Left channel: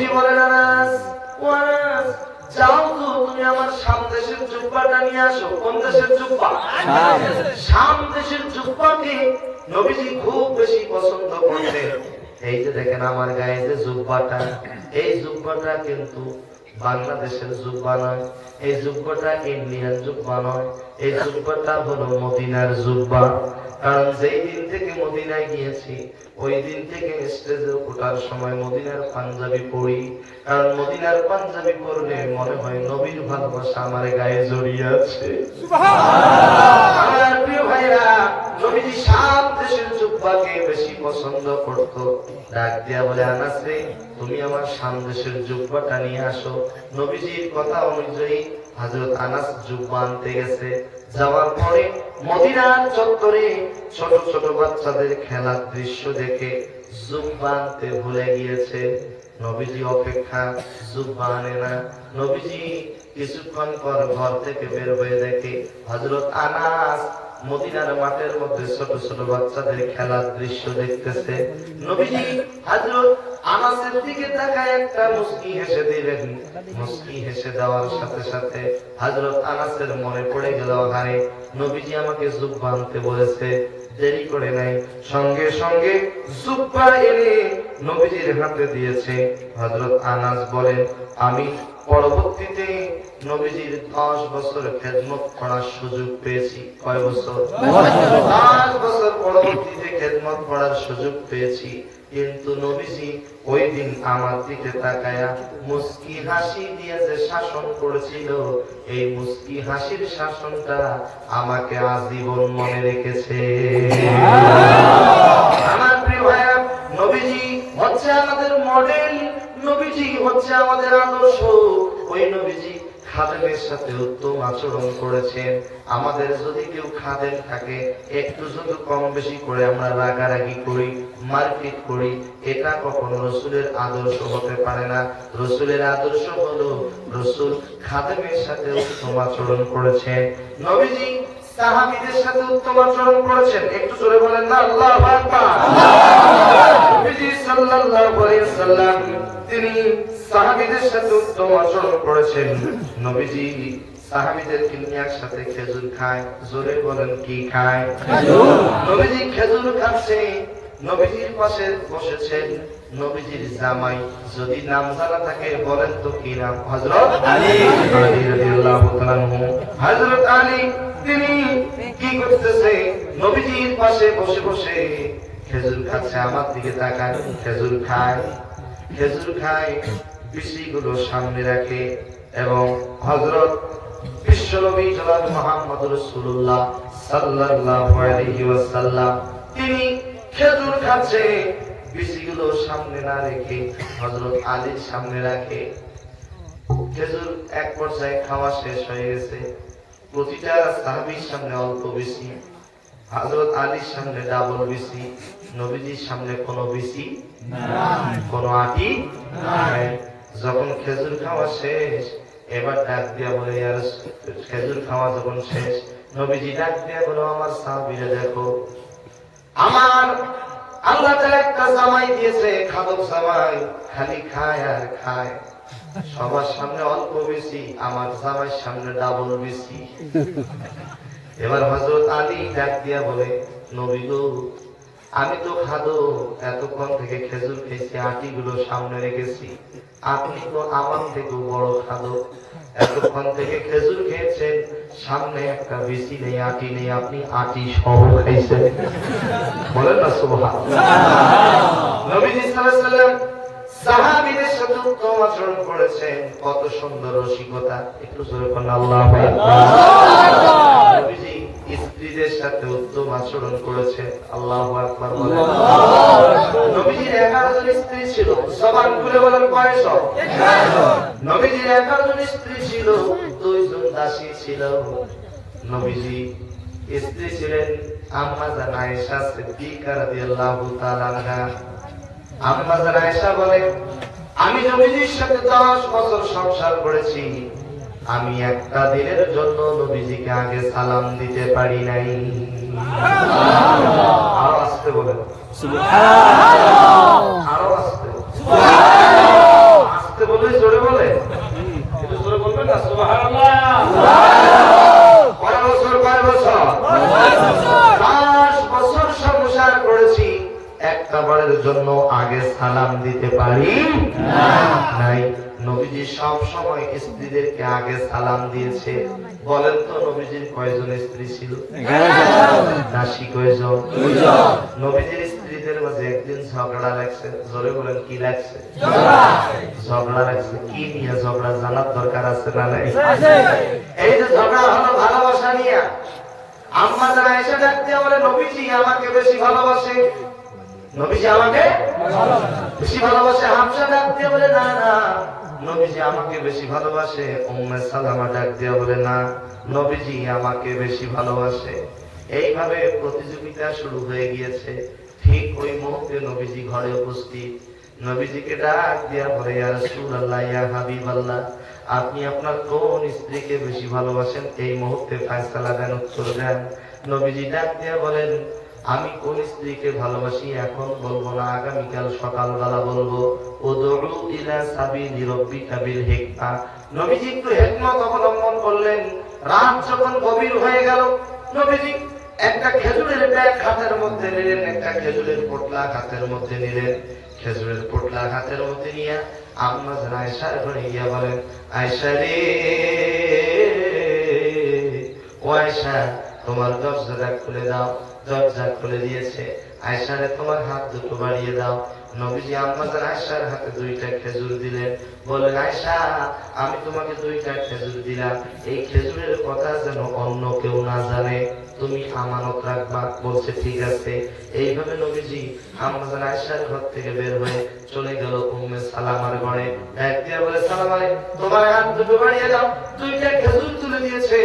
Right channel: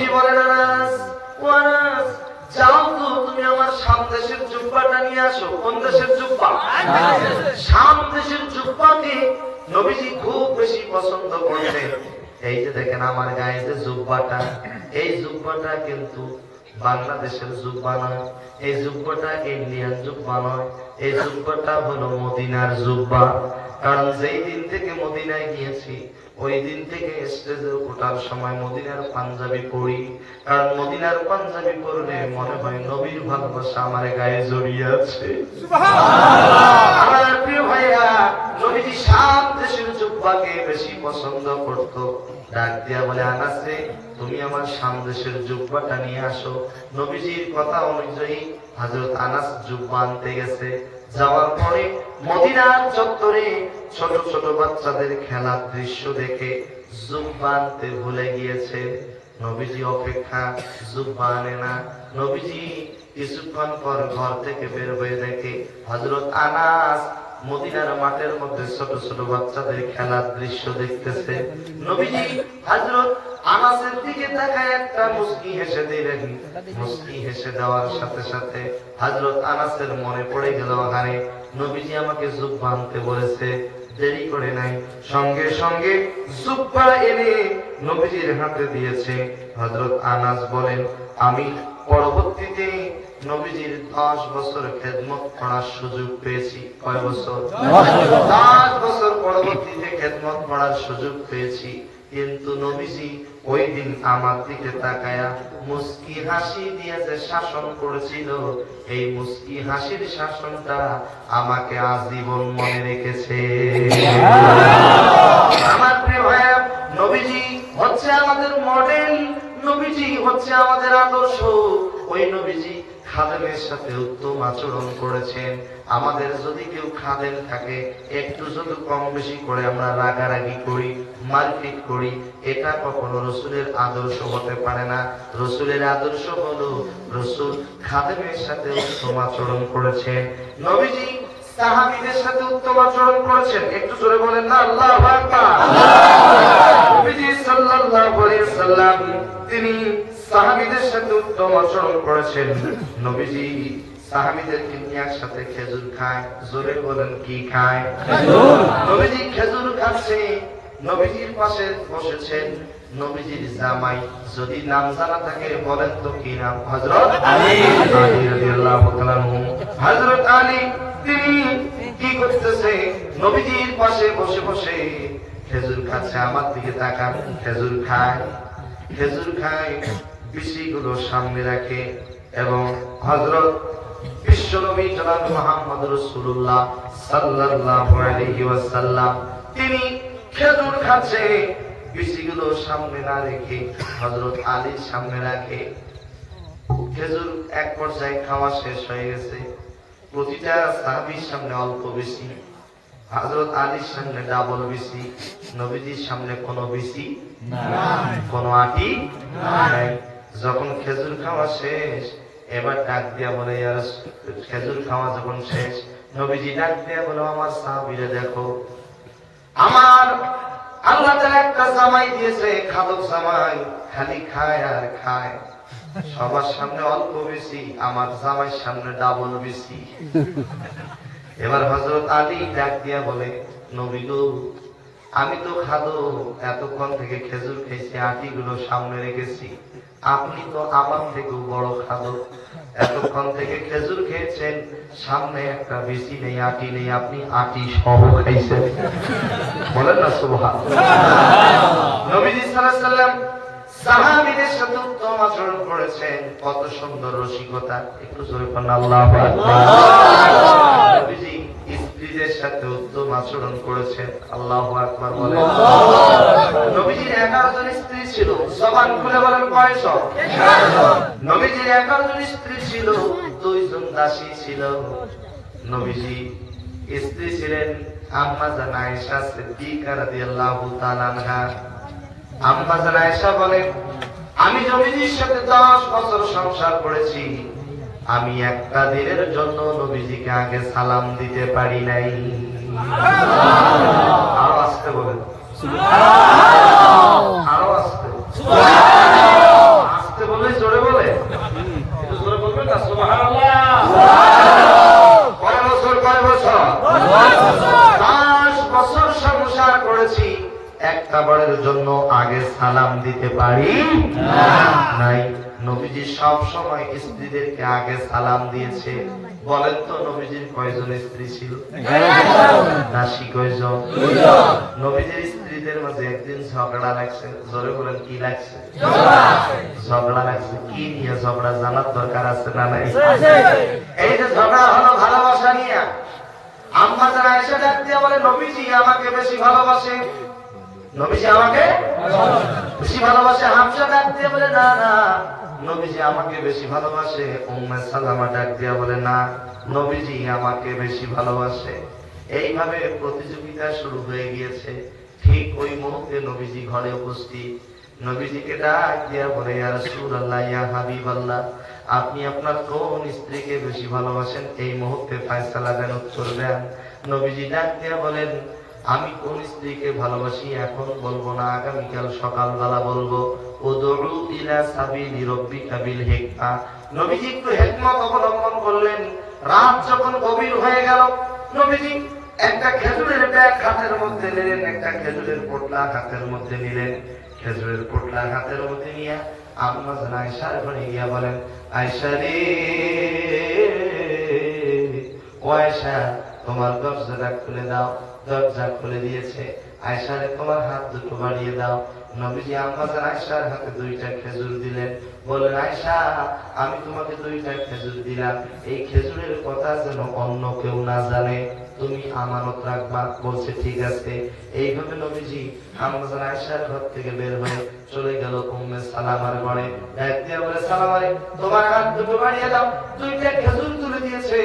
নবীজি বলেন আনাস, ও আনাস, যাও তো তুমি আমার শাম দেশের জুব্বাটা নিয়ে আসো। কোন দেশের জুব্বা? শাম দেশের জুব্বাকে নবীজি খুব বেশি পছন্দ করতেন। এই যে দেখেন আমার গায়ে যে জুব্বাটা, এই জুব্বাটা কিন্তু বাংলাদেশের জুব্বা নয়, এই জুব্বাটা ইন্ডিয়ান জুব্বা নয়, এই জুব্বাটা হলো মদিনার জুব্বা। কারণ যেই দিন থেকে মদিনায় গিয়েছি ওই দিন থেকে স্টেজে ওঠার সময় মদিনার পাঞ্জাবি পরি। কারণ মদিনার পাঞ্জাবি পরলে মনে হয় নবীর ভালোবাসা আমার গায়ে জড়িয়ে আছে। আমার প্রিয় ভাইরা, নবীজি শাম দেশের জুব্বাকে বেশি পছন্দ করত। ডাক দিয়া বলে, আনাস রে, তুমি আমার শাম দেশের জুব্বাটা নিয়ে আসো। নবীজির কথা অনুযায়ী হযরত আনাস জুব্বা আনতে গেছে। যাওয়ার পরে মদিনার চত্বরে ছোট ছোট বাচ্চাদের খেলার দৃশ্য দেখে জুব্বা আনতে ভুলে গিয়েছে। নবীজি অপেক্ষা, জুব্বা আনে না। নবীজি কিছুক্ষণ পর ঘর থেকে বের হয়ে দেখে হযরত আনাস মদিনার মাঠের মধ্যে ছোট ছোট বাচ্চাদের খেলার দৃশ্য দেখতেছে। নবীজি হযরত আনাসের দিকে তাকায় একটা মুস্কি হেসে দিলেন। মুস্কি হেসে দেওয়ার সাথে সাথে হযরত আনাসের মনে পড়ে গেল, আরে নবীজি আমাকে জুব্বা আনতে বলেছে। দেরি করে নাই, সঙ্গে সঙ্গে জুব্বা এনে নবীজির হাতে দিয়েছে। হযরত আনাস বলেন, আমি পরবর্তীতে নবীজির 10 বছর খেদমত করার সুযোগ পেয়েছি। কয় বছর? 10 বছর পরবর্তীতে খেদমত করার সুযোগ পেয়েছি। কিন্তু নবীজি ওই দিন আমার দিকে তাকায়া মুস্কি হাসি দিয়ে যে শাসন করেছিল, এই মুস্কি হাসির শাসনটা আমাকে আজীবন মনে রেখেছে। আমার প্রিয় ভাইয়া, নবীজি হচ্ছে আমাদের মডেল, নবীজি হচ্ছে আমাদের আদর্শ। ওই নবীজি খাদেমের সাথে উত্তম আচরণ করেছেন। আমাদের যদি কেউ খাদেম থাকে, একটু যদি কম বেশি করে আমরা রাগারাগি করি, মারপিট করি, এটা কখনো রসুলের আদর্শ হতে পারে না। রসুলের আদর্শ হলো রসুল খাদেমের সাথে উত্তম আচরণ করেছেন। নবীজি সাহাবীদের সাথে উত্তম আচরণ করেছেন। একটু জোরে বলেন না আল্লাহু আকবার। নবীজি সাল্লাল্লাহু আলাইহি ওয়াসাল্লাম তিনি সাহাবীদের সাথে উত্তম আচরণ করেছেন। নবীজি সাহাবীদেরকে নিয়ে একসাথে খেজুর খায়। জোরে বলেন কি খায়? নবীজি খেজুর খাচ্ছে। নবীজির পাশে বসেছেন নবীজির জামাই। যদি নাম জানা থাকে বলেন তো কি নাম? হযরত আলী রাদিয়াল্লাহু তাআলা আনহু। হযরত আলী তিনি কি করতেছে? নবীজির পাশে বসে বসে খেজুর খাচ্ছে। আমার দিকে তাকান, খেজুর খায়। খেজুর খায়, বিচিগুলো সামনে রাখে এবং হযরত বিশ্বনবী জনাব মুহাম্মদ রাসূলুল্লাহ সাল্লাল্লাহু আলাইহি ওয়াসাল্লাম তিনি খেজুর খাচ্ছে, বিচিগুলো সামনে না রেখে হযরত আলীর সামনে রাখে। খেজুর এক পর্যায়ে খাওয়া শেষ হয়ে গেছে। প্রতিটা সাহাবীর সামনে অল্প বিচি, হযরত আলীর সামনে ডাবল বিচি, নবীজির সামনে কোনো বিচি নাই, কোনো আটি নাই। যখন খেজুর খাওয়া শেষ, এবার ডাক দিয়া বলে, ইয়া রাসূল, খেজুর খাওয়া যখন শেষ, নবীজি ডাক দিয়া বলে, আমার সাহাবীরা দেখো, আমার আল্লাহ তাআলা একটা জামাই দিয়েছে, খাদক জামাই, খালি খায় আর খায়। সবার সামনে অল্প বেশি, আমার জামাইয়ের সামনে ডাবল বেশি। এবার হযরত আলী ডাক দিয়া বলে, নবী গো, আমি তো খাদো, এতক্ষণ থেকে খেজুর খেয়েছি, আটিগুলো সামনে রেখেছি। আপনি তো আমার থেকেও বড় খাদো, এতক্ষণ থেকে খেজুর খেয়েছেন, সামনে একটা বেশি নেই, আটি নেই, আপনি আটি সহ খাইছেন। বলেন না সুবহানাল্লাহ। নবীজি সাল্লাল্লাহু আলাইহি ওয়াসাল্লাম সাহাবীদের সাথে উত্তম আচরণ করেছেন। কত সুন্দর রসিকতা, একটু জোরে বলেন আল্লাহু আকবার। নবীজি স্ত্রীদের সাথে উত্তম আচরণ করেছেন। আল্লাহু আকবার বলেন। নবীজির 11 জন স্ত্রী ছিল। জবান খুলে বলেন কয়জন? 11 জন। নবীজির 11 জন স্ত্রী ছিল, 2 জন দাসী ছিল। নবীজি স্ত্রী ছিলেন আম্মা জান আয়েশা সিদ্দিকা রাদিয়াল্লাহু তাআলা আনহা। আম্মা জান আয়েশা বলেন, আমি নবীজির সাথে 10 বছর সংসার করেছি, আমি একটা দিনের জন্য নবীজিকে আগে সালাম দিতে পারি নাই। আরো আসতে বলেন, আরো আসতে। বছরের জন্য আগে সালাম দিতে পারি নাই। নবীজি সব সময় স্ত্রীদেরকে আগে সালাম দিয়েছে। বলেন তো নবীজির কয়জন স্ত্রী ছিল? দাসী কয়জন? নবীজির স্ত্রীদের মাঝে একদিন ঝগড়া লাগছে। জোরে বলেন কি লাগছে? ঝগড়া লাগছে। কি নিয়ে ঝগড়া জানার দরকার আছে না নাই? এই যে ঝগড়া হলো ভালোবাসা নিয়ে। আম্মা জান আয়েশা ডাক দিয়ে বলে নবীজি আমাকে বেশি ভালোবাসে। নবীজি আমাকে বেশি ভালোবাসে। হাফসা ডাক দিয়ে বলে না না, নবীজি আমাকে বেশি ভালোবাসে। উম্মে সালামা ডাক দিয়ে বলে না, নবীজি আমাকে বেশি ভালোবাসে। এইভাবে প্রতিযোগিতা শুরু হয়ে গিয়েছে। ঠিক ওই মুহূর্তে নবীজি ঘরে উপস্থিত। নবীজিকে ডাক দিয়া বলে ইয়া রাসূলুল্লাহ, ইয়া হাবিবাল্লাহ, আপনি আপনার কোন স্ত্রীকে বেশি ভালোবাসেন? এই মুহূর্তে ফয়সালা দেন, উত্তর দেন। নবীজি ডাক দিয়া বলেন আমি কোন স্ত্রীকে ভালোবাসি এখন বলবো না, আগামীকাল সকালবেলা বলবো। উদউ ইলা সাবিলি রাব্বিকা বিল হিকমা। নবীজি একটু হিকমত অবলম্বন করলেন। রাত যখন গভীর হয়ে গেল, নবীজি একটা খেজুরের ব্যাগ হাতের মধ্যে নিলেন, একটা খেজুরের পোটলা হাতের মধ্যে নিলেন। খেজুরের পোটলা হাতের মধ্যে নিয়ে আম্মা জান আয়েশার ঘরে গিয়া বলেন আয়েশা রে, ও আয়েশা তোমার দরজাটা খুলে দাও। দরজা খুলে দিয়েছে। আয়েশা রে তোমার হাত দুটো বাড়িয়ে দাও। নবীজি আম্মা জান আয়েশার হাতে দুইটা খেজুর দিলেন। বললেন আয়েশা আমি তোমাকে দুইটা খেজুর দিলাম, এই খেজুরের কথা যেন অন্য কেউ না জানে, তুমি আমানত রাখবা। বলছে ঠিক আছে। এইভাবে নবীজি আম্মা জান আয়েশার ঘর থেকে বের হয়ে চলে গেল উম্মে সালামার ঘরে। ডাক দিয়া বলে সালাম আরে তোমার হাত দুটো বাড়িয়ে দাও। দুইটা খেজুর তুলে দিয়েছে।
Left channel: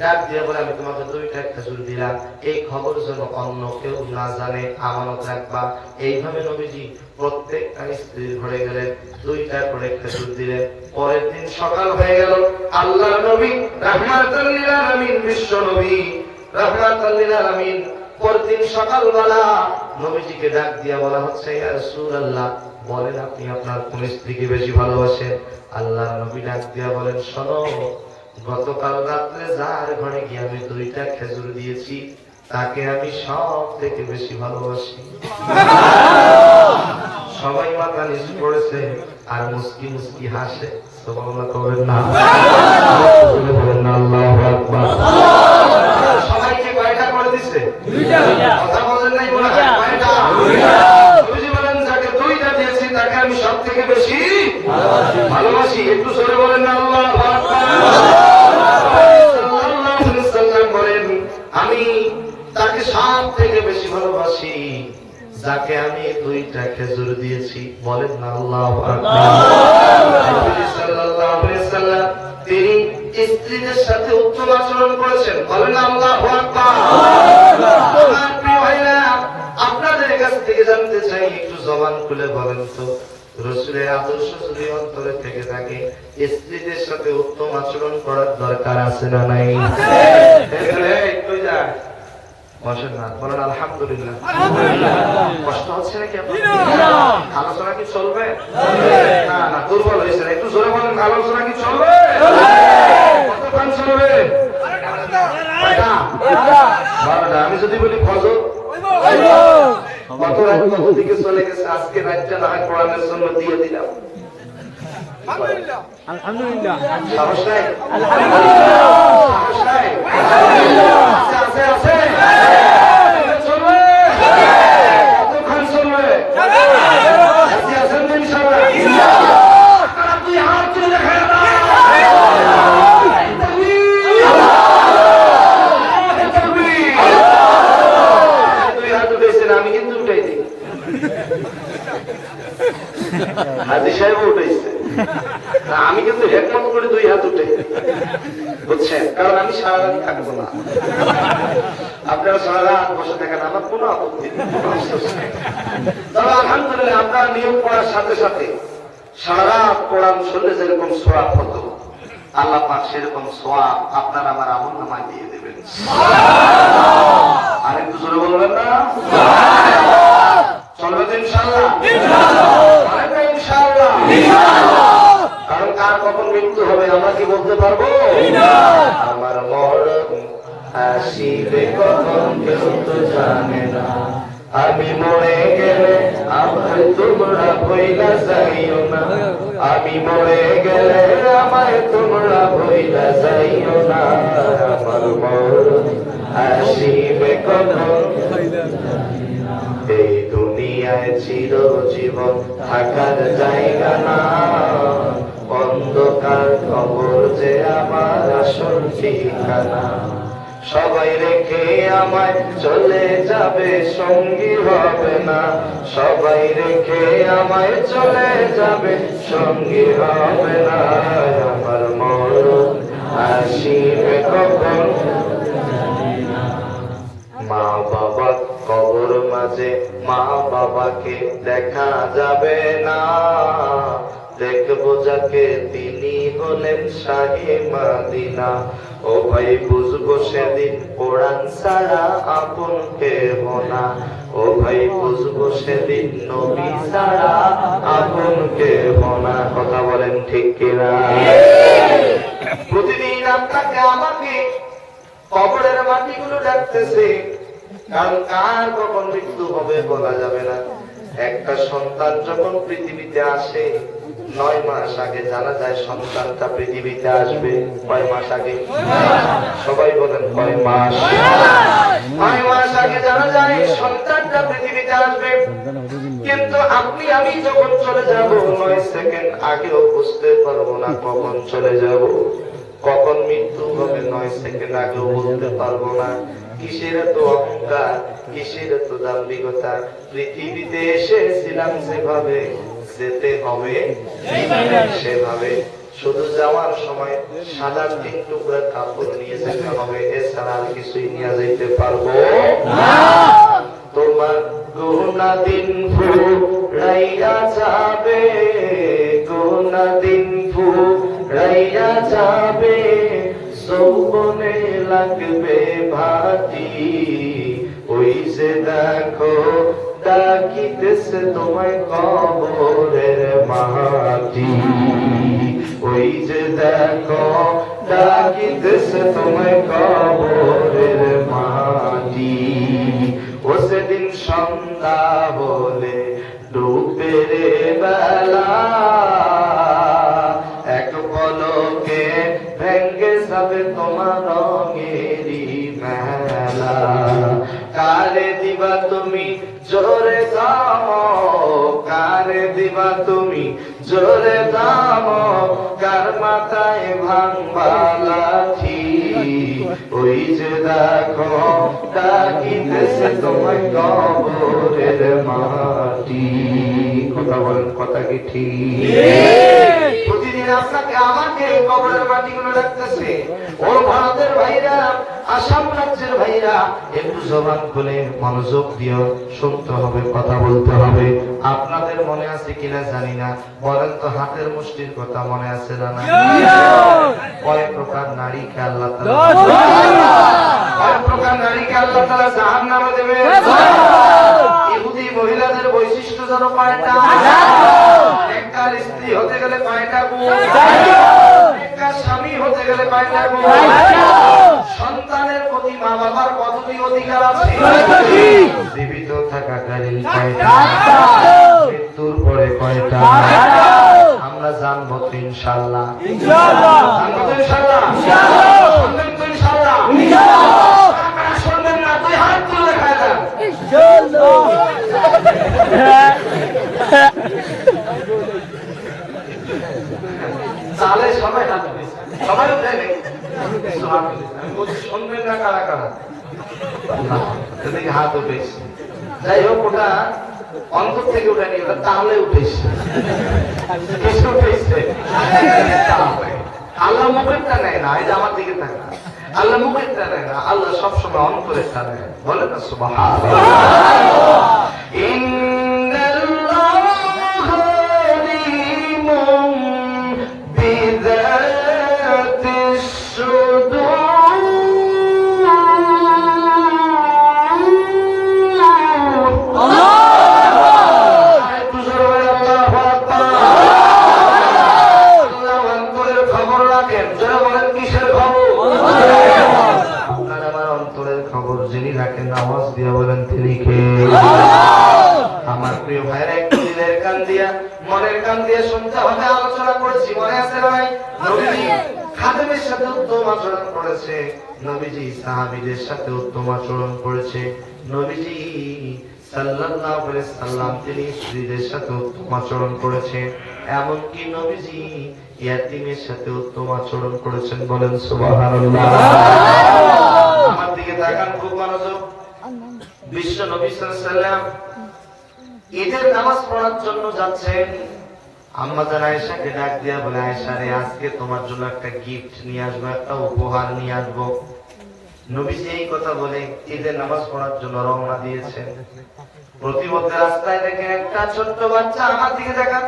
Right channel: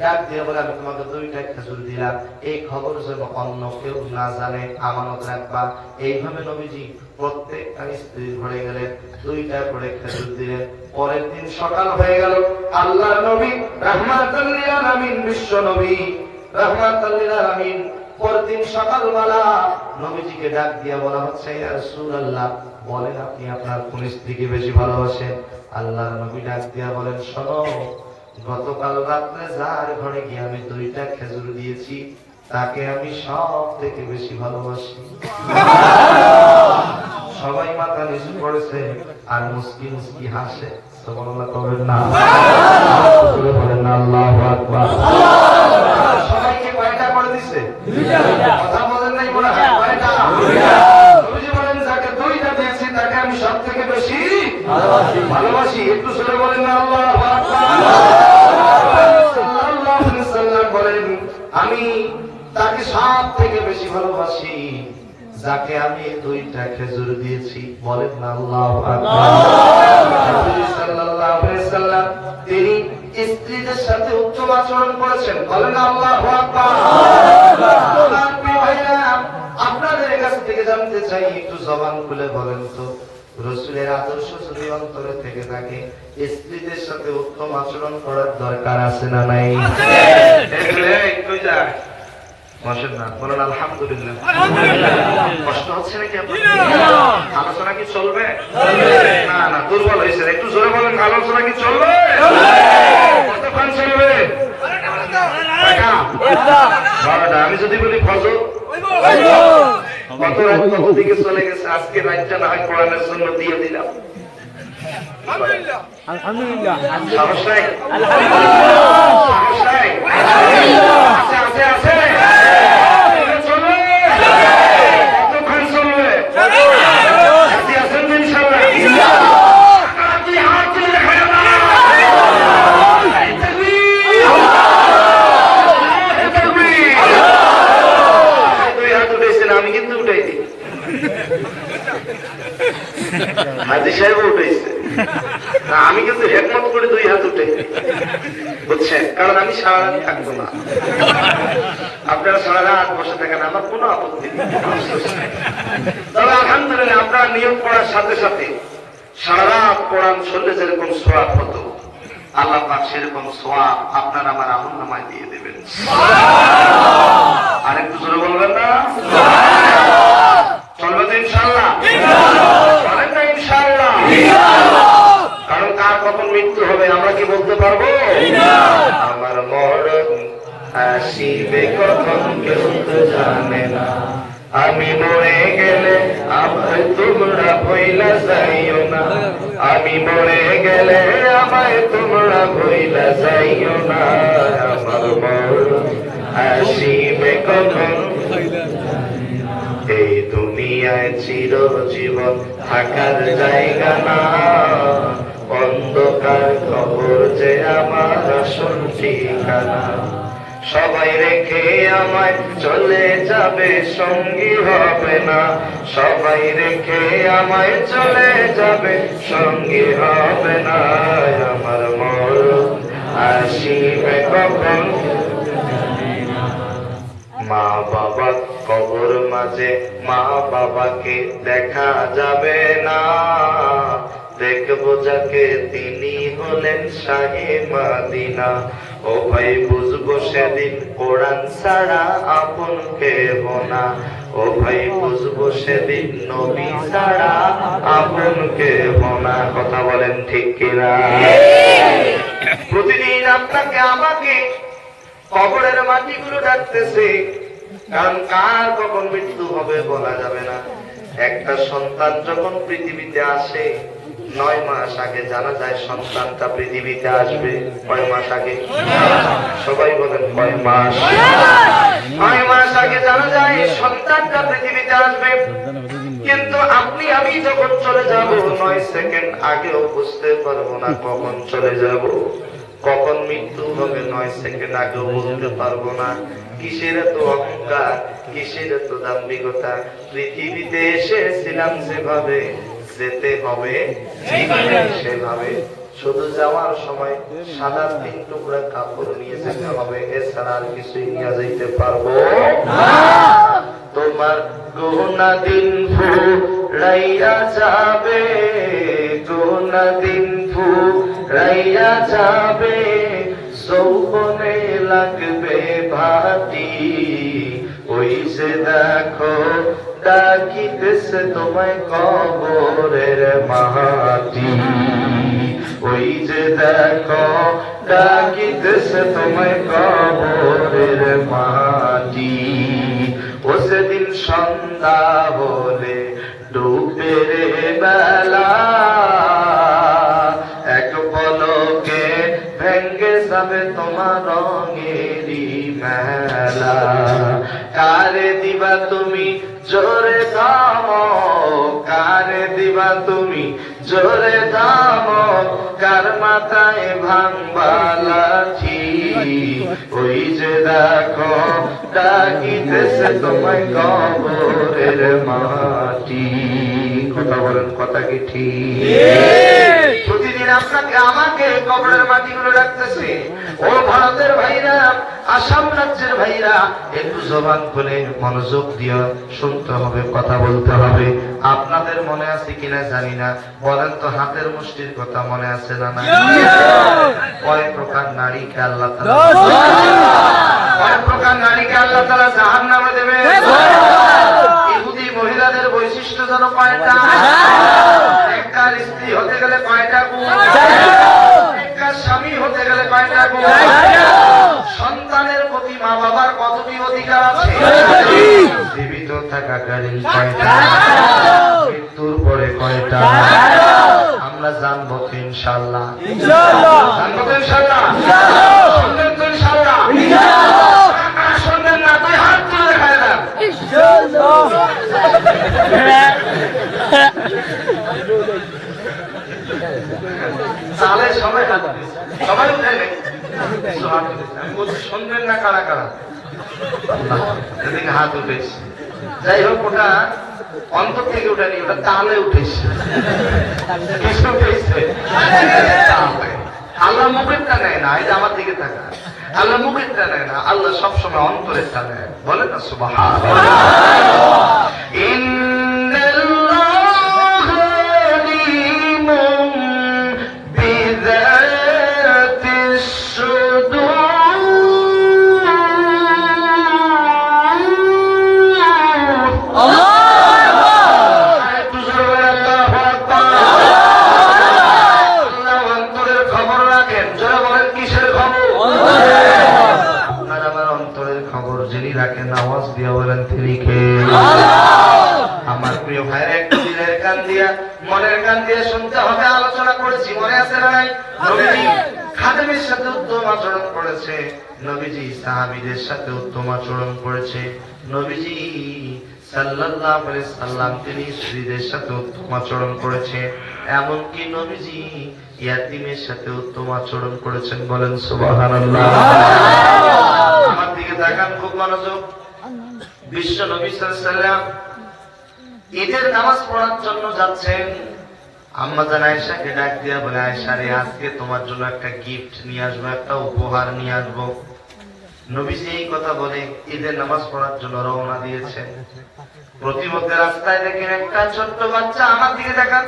ডাক দিয়া বলে আমি তোমাকে দুইটা খেজুর দিলাম, এই খবর যেন অন্য কেউ না জানে, আমানত রাখবা। এইভাবে নবীজি প্রত্যেকটা স্ত্রীর ঘরে গেলেন, দুইটা করে খেজুর দিলেন। পরের দিন সকাল হয়ে গেল। আল্লাহর নবী রাহমাতুল লিল আলামিন, বিশ্ব নবী রাহমাতুল লিল আলামিন, পরের দিন সকালবেলা নবীজিকে ডাক দিয়া বলা হচ্ছে ইয়া রাসূলুল্লাহ, বলেন আপনি আপনার কোন স্ত্রীকে বেশি ভালোবাসেন? আল্লাহর নবী ডাক দিয়া বলেন শোনো, গতকাল রাত্রে যার ঘরে গিয়ে আমি দুইটা খেজুর দিয়েছি তাকে আমি সব থেকে বেশি ভালোবাসি। সবাই মাথা নিচু করেছে আর মুস্কি মুস্কি হাসে। সুবহানাল্লাহ করেন না, বলেন না আল্লাহু আকবার। সবাইকে কয়টা করে দিছে? কথা বলেন নাই মনে হয়? কয়টা? নবীজি বলেন যাকে দুইটা দিয়েছি তাকে আমি সব থেকে বেশি ভালোবাসি। একটু জোরে বলেন না আল্লাহু আকবার। সাল্লাল্লাহু আলাইহি সাল্লাম বলেন আমি তাকে সব থেকে বেশি ভালোবাসি যাকে আমি দুইটা খেজুর দিয়েছি। বলেন না আল্লাহু আকবার। নবী সাল্লাল্লাহু আলাইহি সাল্লাম তিনি স্ত্রীদের সাথে উত্তম আচরণ করেছেন। বলেন আল্লাহু আকবার। আমার প্রিয় ভাইরা, আপনাদের কাছ থেকে জানতে চাই, একটু জবান খুলে বলেন তো, রাসূলের আদর্শ যদি অন্তরে থেকে থাকে, স্ত্রীদের সাথে উত্তম আচরণ করার দরকার আছে না নাই? কই যায় বসেন না, বলেন আলহামদুলিল্লাহ। কষ্ট হচ্ছে নাকি আপনার? আলোচনা কি চলবে? না না, দুর্বল হয়েছে। একটু জোরে বলেন, আলোচনা কি চলবে? কতক্ষণ চলবে? 12টা। আমি যদি বলি ফজর, কত রাত কত দিকে চলে গেছে। আজকে রাতটা না হয় কোরআনের জন্য দিয়ে দিলাম। সাহস নাই? সাহস নাই? আছে আছে আছে। চলবে? কতক্ষণ চলবে? রাজি আছেন তো ইনশাআল্লাহ? তুই হাত তুলে দেখা যাবে। দুই হাত উঠেছেন, আমি কিন্তু উঠাই দিই। হাজী সাহেব উঠেছে, আমি কিন্তু হেকমত করে দুই হাত উঠে, বুঝছেন? কারণ আমি সারা রাত থাকবো না। আপনারা সারা রাত বসে থাকেন, আমার কোনো আপত্তি নেই, কোনো আফসোস নেই। তবে আলহামদুলিল্লাহ আপনার নিয়োগ করার সাথে সাথে সারা রাত কোরআন শুনলে যেরকম সোয়াব হতো, আল্লাহ পাক সেরকম সোয়াব আপনার আমার আমল নামায় দিয়ে দেবেন। আরেকটু জোরে বলবেন না? চলবে তো ইনশাআল্লাহ? বলেন না ইনশাআল্লাহ? কারণ কার কখন মৃত্যু হবে আমরা কি বলতে পারবো? আমার মরণ আসিবে কখন কেউ তো জানে না, আমি মরে গেলে আমায় তোমরা ভুইলা যাইও না, আমি মরে গেলে আমায় তোমরা ভুইলা যাইও না। আমার মরণ আসিবে কখন, এই দুনিয়ায় চিরজীবন থাকার জায়গা না, অন্ধকার কবর যে আমার আসল ঠিকানা। সবাই রেখে আমায় চলে যাবে, সঙ্গী হবে না, সবাই রেখে আমায় চলে যাবে, সঙ্গী হবে না। আমার মরণ আসিবে কখন, মা বাবা কবর মাঝে মা বাবাকে দেখা যাবে না, দেখবো যাকে তিনি হলেন শাহে মদিনা। ও ভাই বুঝবো সেদিন কোরআন ছাড়া আপন কেহ না, ও ভাই বুঝবো সেদিন নবী ছাড়া আপন কেহ না। কথা বলেন ঠিক কিনা? প্রতিদিন আপনাকে আমাকে কবরের মাটিগুলো ডাকতেছে, কারণ কার কখন মৃত্যু হবে বলা যাবে না। একটা সন্তান যখন পৃথিবীতে আসে 9 মাস আগে জানা যায় সন্তানটা পৃথিবীতে আসবে। কয় মাস আগে? সবাই বলেন কয় মাস? 9 মাস আগে জানা যায় সন্তানটা পৃথিবীতে আসবে, কিন্তু আপনি আমি যখন চলে যাব 9 সেকেন্ড আগেও বুঝতে পারবো না কখন চলে যাব, কখন মৃত্যু হবে 9 সেকেন্ড আগেও বলতে পারবো না। কিসের এত অহংকার, কিসের এত দাম্ভিকতা? পৃথিবীতে এসেছিলাম যেভাবে, যেতে হবে সেভাবে। শুধু যাওয়ার সময় সাদা 3 টুকরা কাপড় নিয়ে যেতে হবে, এছাড়া আর কিছুই নিয়ে যেতে পারবো না। তোমার গুনা দিন ফুরাইয়া যাবে, গুনা দিন ফুরাইয়া যাবে, যৌবনে লাগবে ভাটি, ওই যে দেখো ডাকিতেছে তোমায় কবরের মাটি, ওই যে দেখো ডাকিতেছে তোমায় কবরের মাটি। ও সেদিন সন্ধ্যা হলে ডুবে রে বেলা, এক পলকে ভেঙ্গে যাবে তোমার রঙেরই মেলা। কারে দিবা তুমি জোরে দাম, কারে দিবা তুমি জোরে দাম, কার মাথায় ভাঙবা লাঠি, ওই যে দেখো ডাকিতেছে তোমায় কবরের মাটি। কথা বলেন, কথা কি ঠিক? প্রতিদিন আপনাকে আমাকে কবরের মাটিগুলো ডাকতেছে। ও ভারতের ভাইরা, আসাম রাজ্যের ভাইরা, একটু জবান খুলে মনোযোগ দিয়ে শুনতে হবে, কথা বলতে হবে। আপনাদের মনে আছে কিনা জানি না, বলেন তো হাতের মুষ্টির কথা মনে আছে না? না, কয় প্রকার নারীকে আল্লাহ তাআলা, কয় প্রকার নারীকে আল্লাহ তাআলা জাহান্নামে দেবে? ইহুদি মহিলাদের বৈশিষ্ট্য যেন কয়টা? একটার স্ত্রী হতে গেলে কয়টা গুণ? একটার স্বামী হতে গেলে কয়টা গুণ? সন্তানের প্রতি মা বাবার কতটি অধিকার আছে? জীবিত থাকাকালীন কয়টা? মৃত্যুর পরে কয়টা? আমরা জানবো তো ইনশাআল্লাহ, জানবো তো ইনশাআল্লাহ, শুনবেন তো ইনশাআল্লাহ? শুনবেন না? তুই হাত তুলে দেখায় দেন। তাহলে সবাই হাত দিচ্ছে, সবাই উঠে নেই, হাত তুলেছে। আমি বলছি শুনবেন না কারা কারা? এদিকে হাত উঠেছে। যাই হোক, ওটা অন্তর থেকে উঠেনি, ওটা তাহলে উঠেছে। কিছু উঠেছে আল্লাহ মুখেরটা নেয় না, এটা আমার দিকে থাকা। আল্লাহ মুখেরটা নেয় না, আল্লাহ সবসময় অন্তরেরটা নেয়। বলে না সুবহানাল্লাহ। যিনি রাখেন, আওয়াজ দিয়ে বলেন তিনি কে? আমার প্রিয় ভাইরা, একটু দিলের কান দিয়া, মনের কান দিয়ে শুনতে হবে। আলোচনা করেছি, মনে আছে নাই? নবীজি খাদেমের সাথে উত্তম আচরণ করেছে, নবীজি সাহাবীদের সাথে উত্তম আচরণ করেছে, নবীজি সাল্লাল্লাহু আলাইহি সাল্লাম তিনি স্ত্রীদের সাথে উত্তম আচরণ করেছে, এমনকি নবীজি ইয়াতীমের সাথে উত্তম আচরণ করেছেন। বলেন সুবহানাল্লাহ। আমার দিকে তাকান খুব মনোযোগ। বিশ্ব নবী সাল্লাল্লাহু আলাইহি সাল্লাম ঈদের নামাজ পড়ার জন্য যাচ্ছেন। আম্মা জান আয়েশাকে ডাক দিয়া বলে, আয়েশা রে, আজকে তোমার জন্য একটা গিফট নিয়ে আসবো, একটা উপহার নিয়ে আসবো। নবীজি এই কথা বলে ঈদের নামাজ পড়ার জন্য রওনা দিয়েছেন। প্রতিমধ্যে রাস্তায় দেখেন একটা ছোট্ট বাচ্চা, আমার দিকে দেখান,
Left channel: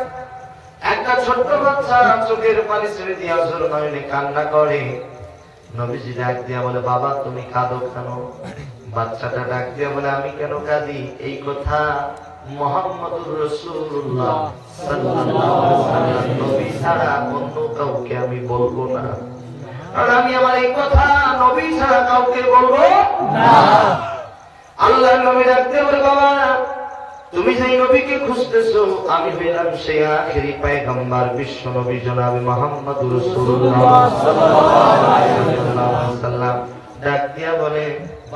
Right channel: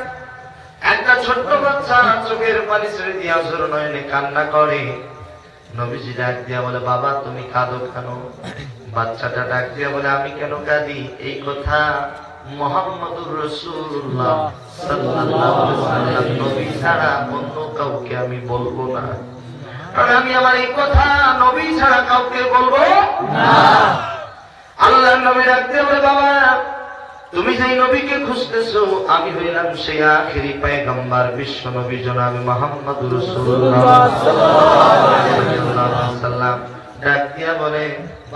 একটা ছোট্ট বাচ্চা চোখের পানি ছেড়ে দিয়ে অঝোর নয়নে কান্না করে। নবীজি ডাক দিয়া বলে, বাবা তুমি কাঁদো কেন? বাচ্চাটা ডাক দিয়া বলে, আমি কেন কাঁদি? এই কথা মুহাম্মদুর রাসূলুল্লাহ সাল্লাল্লাহু আলাইহি ওয়াসাল্লাম নবী ছাড়া অন্য কাউকে আমি বলবো না, কারণ আমি আমার এই কথা নবী ছাড়া কাউকে বলবো না। আল্লাহর নবী ডাক দিয়া বলে, বাবা তুমি যেই নবীকে খুঁজতেছো, আমি হইলাম সেই আখেরি পয়গম্বর বিশ্ব নবী জনাব মুহাম্মদুর রাসূলুল্লাহ সাল্লাল্লাহু আলাইহি ওয়াসাল্লাম। ডাক দিয়া বলে,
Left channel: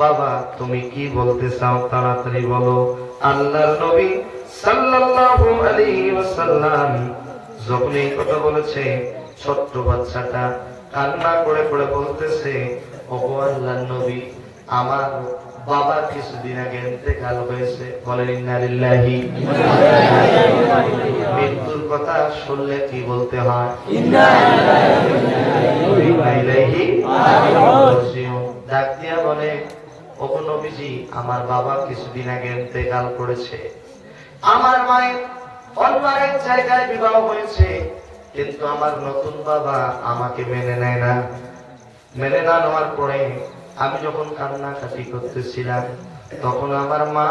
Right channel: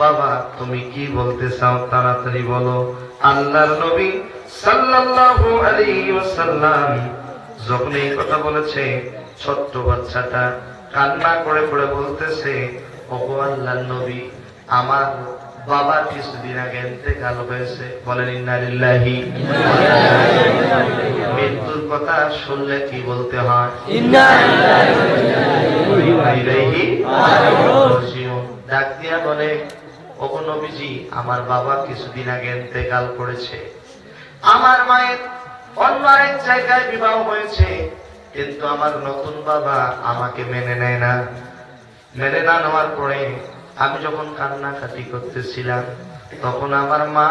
বাবা তুমি কি বলতে চাও তাড়াতাড়ি বলো। আল্লাহর নবী সাল্লাল্লাহু আলাইহি ওয়াসাল্লাম যখন এই কথা বলেছে, ছোট্ট বাচ্চাটা কান্না করে করে বলতেছে, ওগো আল্লাহর নবী, আমার বাবার কিছুদিন আগে ইন্তেকাল হয়েছে। বলেন ইন্না লিল্লাহি। মৃত্যুর কথা শুনলে কি বলতে হয়? ইন্না লিল্লাহি ওয়া ইন্না ইলাইহি রাজিউন। ডাক দিয়া বলে, ওগো নবীজি, আমার বাবা কিছুদিন আগে ইন্তেকাল করেছে, আমার মায়ের অন্য এক জায়গায় বিবাহ হয়েছে, কিন্তু আমার নতুন বাবা আমাকে মেনে নেয় না। মেনে না নেওয়ার পরে আমি যখন কান্নাকাটি করতেছিলাম, তখন আমার মা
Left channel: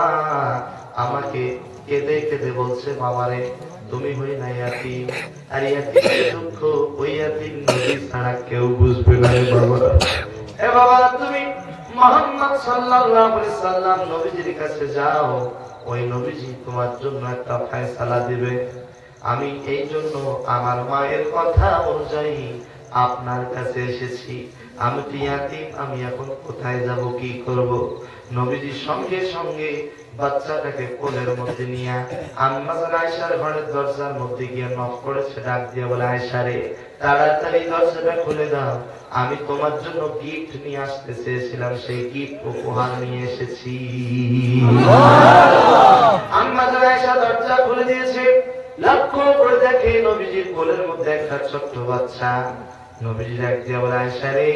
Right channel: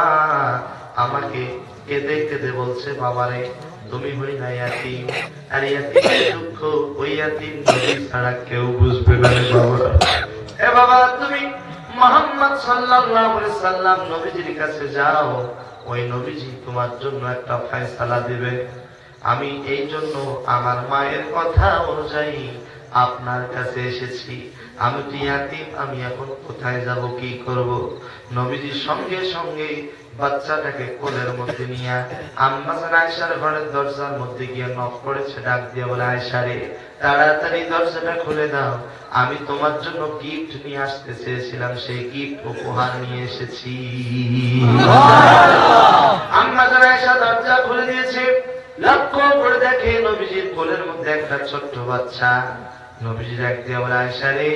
আমাকে কেঁদে কেঁদে বলছে, বাবারে তুমি হই না ইয়াতীম, আর ইয়াতীমের দুঃখ ওই ইয়াতীম নবী ছাড়া কেউ বুঝবে না রে বাবা। এ বাবা তুমি মুহাম্মদ সাল্লাল্লাহু আলাইহি সাল্লাম নবীজির কাছে যাও, ওই নবীজি তোমার জন্য একটা ফয়সালা দিবে। আমি এই জন্য আমার মায়ের কথা অনুযায়ী আপনার কাছে এসেছি। আমি তো ইয়াতীম, আমি এখন কোথায় যাব, কি করব? নবীজি সঙ্গে সঙ্গে বাচ্চাটাকে কোলের মধ্যে নিয়ে আম্মা জান আয়েশার ঘরের দরজার মধ্যে গিয়ে নক করেছে। ডাক দিয়ে বলে, আয়েশা রে, তাড়াতাড়ি দরজাটা খুলে দাও, আমি তোমার জন্য গিফট নিয়ে আসতে চেয়েছিলাম, সেই গিফট উপহার নিয়ে এসেছি। আম্মা জান আয়েশা দরজা খুলে দিয়েছে, লক্ষ্য করে দেখে নবীজির কোলের মধ্যে একটা ছোট্ট বাচ্চা। নবীজি ডাক দিয়ে বলে, আয়েশা রে,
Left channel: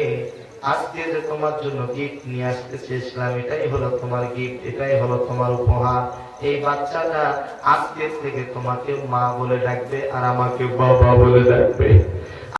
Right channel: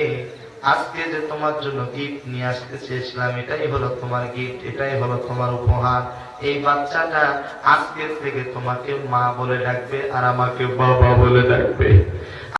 আজকে যে তোমার জন্য গিফট নিয়ে আসতে চেয়েছিলাম, এটাই হলো তোমার গিফট, এটাই হলো তোমার উপহার। এই বাচ্চাটা আজকে থেকে তোমাকে মা বলে ডাকবে আর আমাকে বাবা বলে ডাকবে।